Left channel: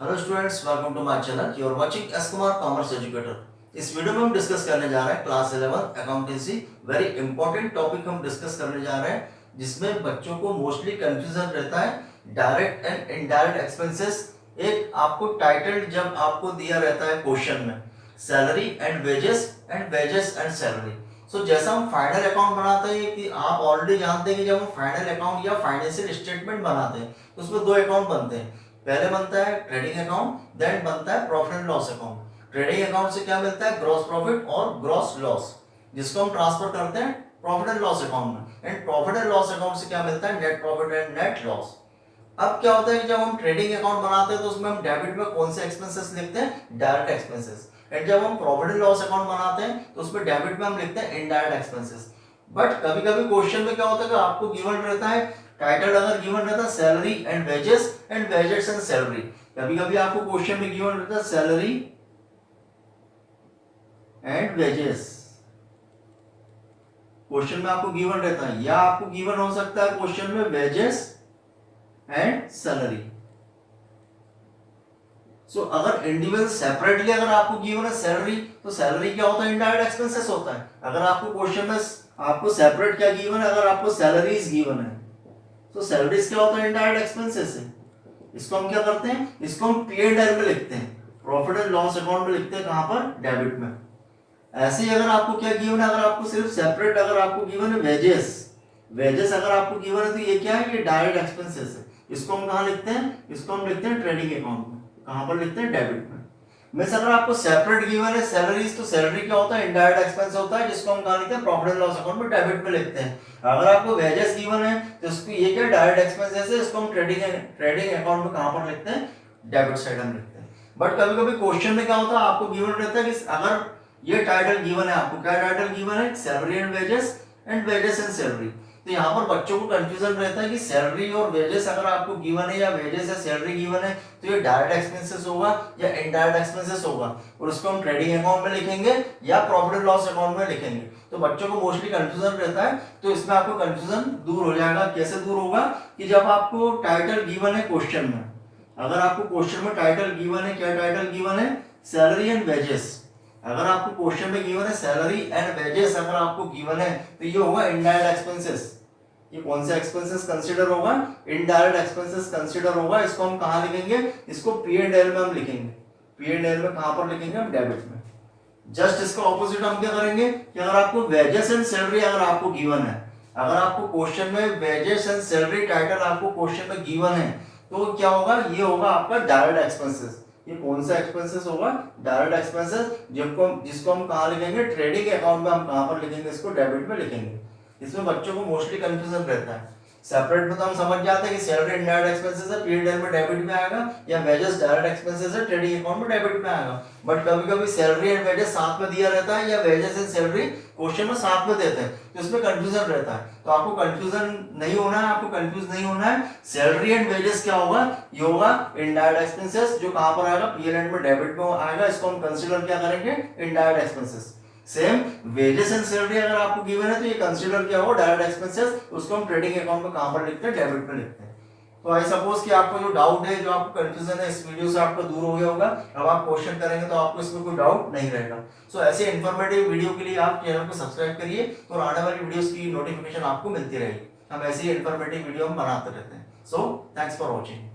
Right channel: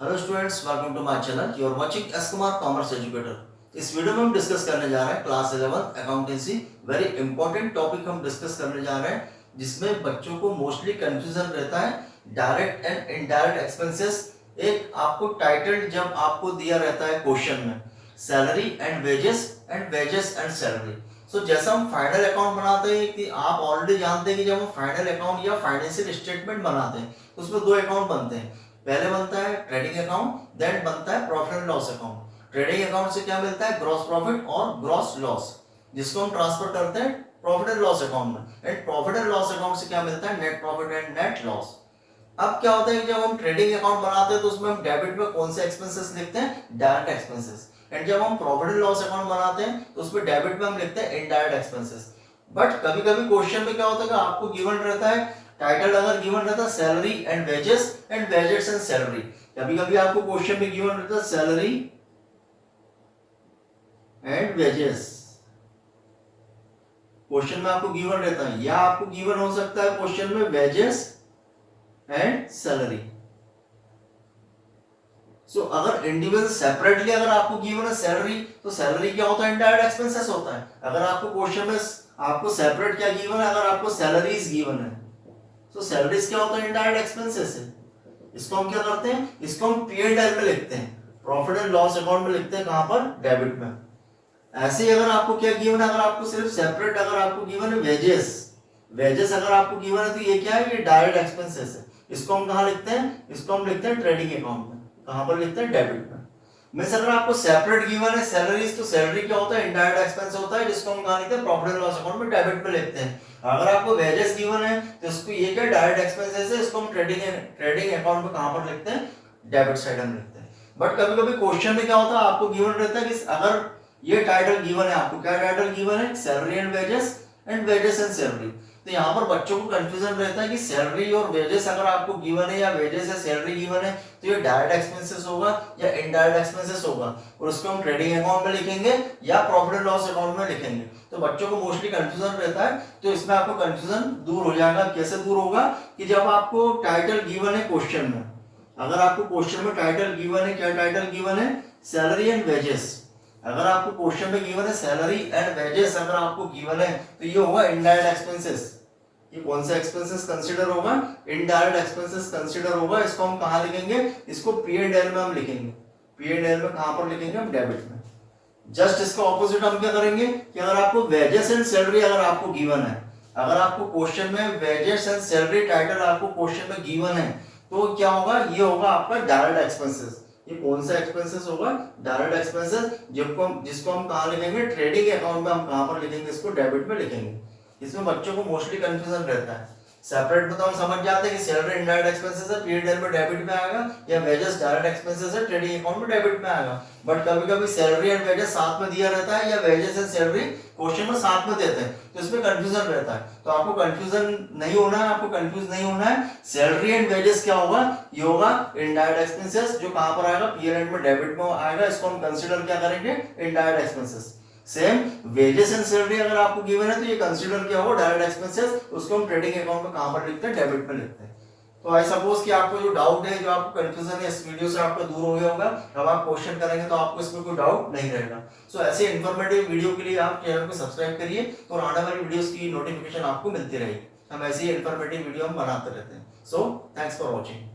Hello students, welcome to my channel. You are watching S Kumar commerce educator. इस video में हम discuss करने जा रहे हैं class 11 accountancy. Very important topic हम डिस्कस करने जा रहे हैं जिसमें बच्चों को मोस्टली कंफ्यूजन रहता है डायरेक्ट एंड इनडायरेक्ट एक्सपेंसेस। एक आपको टाइटल जब आपको दिया रहता है क्वेश्चन में, salary and wages and salary. So जैसा हम फाइनल अकाउंट बनाते हैं कि आप ऑलरेडी जानते हैं कि जब हम फाइनल अकाउंट या फाइनेंशियल स्टेटमेंट बनाते हैं तो उसमें दो अकाउंट बनते हैं। पहले बनता है ट्रेडिंग अकाउंट, देन बनता है profit and loss account. Trading account से क्या मिलता है? ग्रॉस प्रॉफिट और ग्रॉस लॉस, जिसको हम ट्रांसफर करते हैं प्रॉफिट एंड लॉस अकाउंट में। And profit and loss account से क्या मिलता है? Net profit and net loss. अब क्या होता है कि जब हम ट्रेडिंग अकाउंट बनाते हैं तो उसमें हम डेबिट में कौन से एक्सपेंसेस लिखते हैं? Direct expenses. एंड जब हम प्रॉफिट एंड लॉस अकाउंट बनाते हैं तो उसमें डेबिट में हम लिखते हैं इनडायरेक्ट एक्सपेंसेस। बट कभी कभी क्वेश्चन में क्या होता है कि आपको गिवन रहता है टाइटल, अगर गिवन रहता है salary and wages and salary. कभी कभी आपको क्वेश्चन में गिवन रहता है सैलरी एंड वेजेस, क्वेश्चन में आपको गिवन रहता है, या आपको गिवन हो सकता है क्वेश्चन में वेजेस एंड सैलरी। सो अगर इंडिविजुअल सेपरेटली अगर आपको गिवन है सैलरी, तो सैलरी क्या होता है? इनडायरेक्ट एक्सपेंसेस होता है। अगर आपको क्वेश्चन में आपको सेपरेट क्या गिवन है? अगर आपको सैलरीज गिवन है तो सैलरीज क्या होता है? इनडायरेक्ट एक्सपेंसेस है। इसको हम क्या करते हैं? इसको हम P&L में लिखते हैं, प्रॉफिट एंड लॉस अकाउंट में लिखते हैं। कहां पर? डेबिट में। ऐसे ही अगर आपको क्या गिवन है, अगर आपको सिर्फ सेपरेट अगर आपको गिवन है वेजेस, वेजेस अगर आपको गिवन है तो ये क्या है? ये डायरेक्ट एक्सपेंसेस है। इसको हम कहां लिखते हैं? इसको हम लिखते हैं ट्रेडिंग अकाउंट में। कहां पर लिखते हैं? डेबिट में। मींस अगर आपको सेपरेट गिवन है सैलरीज, तो सैलरी क्या होता है? इनडायरेक्ट एक्सपेंस होता है, जिसको हम कहां लिखते हैं? प्रॉफिट एंड लॉस अकाउंट में डेबिट में लिखते हैं। अगर आपको वेजेस गिवन है तो इसको ये क्या? डायरेक्ट एक्सपेंसेस है, इसको हम ट्रेडिंग अकाउंट में कहां पर लिखते हैं? डेबिट साइड हम लिखते हैं। बट कभी कभी क्वेश्चन में क्या होता है, आपको गिवन रहता है कि अगर ये टाइटल गिवन है, आपको क्या टाइटल गिवन है? Salary and wages and salary. तो यहाँ पर बच्चों को कंफ्यूजन रहता है कि सैलरी और वेजेस अगर आपको गिवन है या वेजेस या सैलरी गिवन है तो ये डायरेक्ट एक्सपेंसेस होगा या इनडायरेक्ट एक्सपेंसेस होगा, और उसको हम ट्रेडिंग अकाउंट में लिखेंगे या प्रॉफिट एंड लॉस अकाउंट में लिखेंगे। तो बच्चों को मोस्टली कंफ्यूजन रहता है, तो इसमें आपको कंफ्यूजन दूर हो जाएगा। कैसे दूर होगा? कि जब आपको टाइटल गिवन है क्वेश्चन में, अगर आपको क्वेश्चन में टाइटल गिवन है, क्या टाइटल गिवन है? Salary and wages. अगर आपको क्वेश्चन में गिवन है सैलरी एंड वेजेस, अगर आपको गिवन है तो ये होगा इनडायरेक्ट एक्सपेंसेस। ये कौन सा एक्सपेंसेस कंसीडर होगा? इनडायरेक्ट एक्सपेंसेस कंसीडर होगा। इसको हम कहां लिखेंगे? इसको P&L में हम लिखेंगे। P&L में कहां पर लिखेंगे? हम डेबिट में। जस्ट इसका ऑपोजिट हम क्या करेंगे कि अगर आपको वेजेस एंड सैलरी अगर आपको गिवन है, अगर आपको क्वेश्चन में वेजेस एंड सैलरी टाइटल आपको क्वेश्चन में गिवन है, तो क्या होगा? ये होगा आपका डायरेक्ट एक्सपेंसेस। ये कौन सा एक्सपेंसेस होगा? डायरेक्ट एक्सपेंसेस, जिसको हम कहां लिखेंगे? ट्रेडिंग अकाउंट में हम कहां पर लिखेंगे? इसको डेबिट में लिखेंगे। इसमें बच्चों को मोस्टली कंफ्यूजन रहता है। सेपरेट में तो हम समझ जाते हैं कि सैलरी इनडायरेक्ट एक्सपेंसेस है, P&L में डेबिट में आएगा, या वेजेस डायरेक्ट एक्सपेंसेस है, ट्रेडिंग अकाउंट में डेबिट में आएगा। बट कभी कभी सैलरी एंड वेजेस साथ में दिया रहता है, या वेजेस एंड सैलरी क्वेश्चन में साथ में देते हैं, तो इसमें कंफ्यूजन रहता है। तो आपको कंफ्यूजन नहीं होना है, आपको कंफ्यूज नहीं होना है। सैलरी एंड वेजेस क्या होगा? ये होगा इनडायरेक्ट एक्सपेंसेस, जो कहां पर आएगा? P&L में डेबिट में आएगा। इसको हम कंसीडर क्या करेंगे? Indirect expenses. Same wages and salary अगर आपको गिवन है तो ये कंसीडर क्या होगा? Direct expenses. उसको हम ट्रेडिंग अकाउंट में कहां पर लिखते हैं? डेबिट में लिखते हैं। तो आई सपोज कि आपको जो डाउट है, जो आपको कंफ्यूजन है, इस वीडियो से आपका दूर हो गया होगा। अब आप क्वेश्चन करेंगे तो आपको इसमें कोई डाउट नहीं रहेगा। सो ऐसे इन्फॉर्मेटिव वीडियो के लिए आप चैनल को सब्सक्राइब करिए और आने वाली वीडियोस की नोटिफिकेशन आपको मिलती रहेगी। हम ऐसी इन्फॉर्मेटिव वीडियो हम बनाते रहते हैं। So thanks for watching.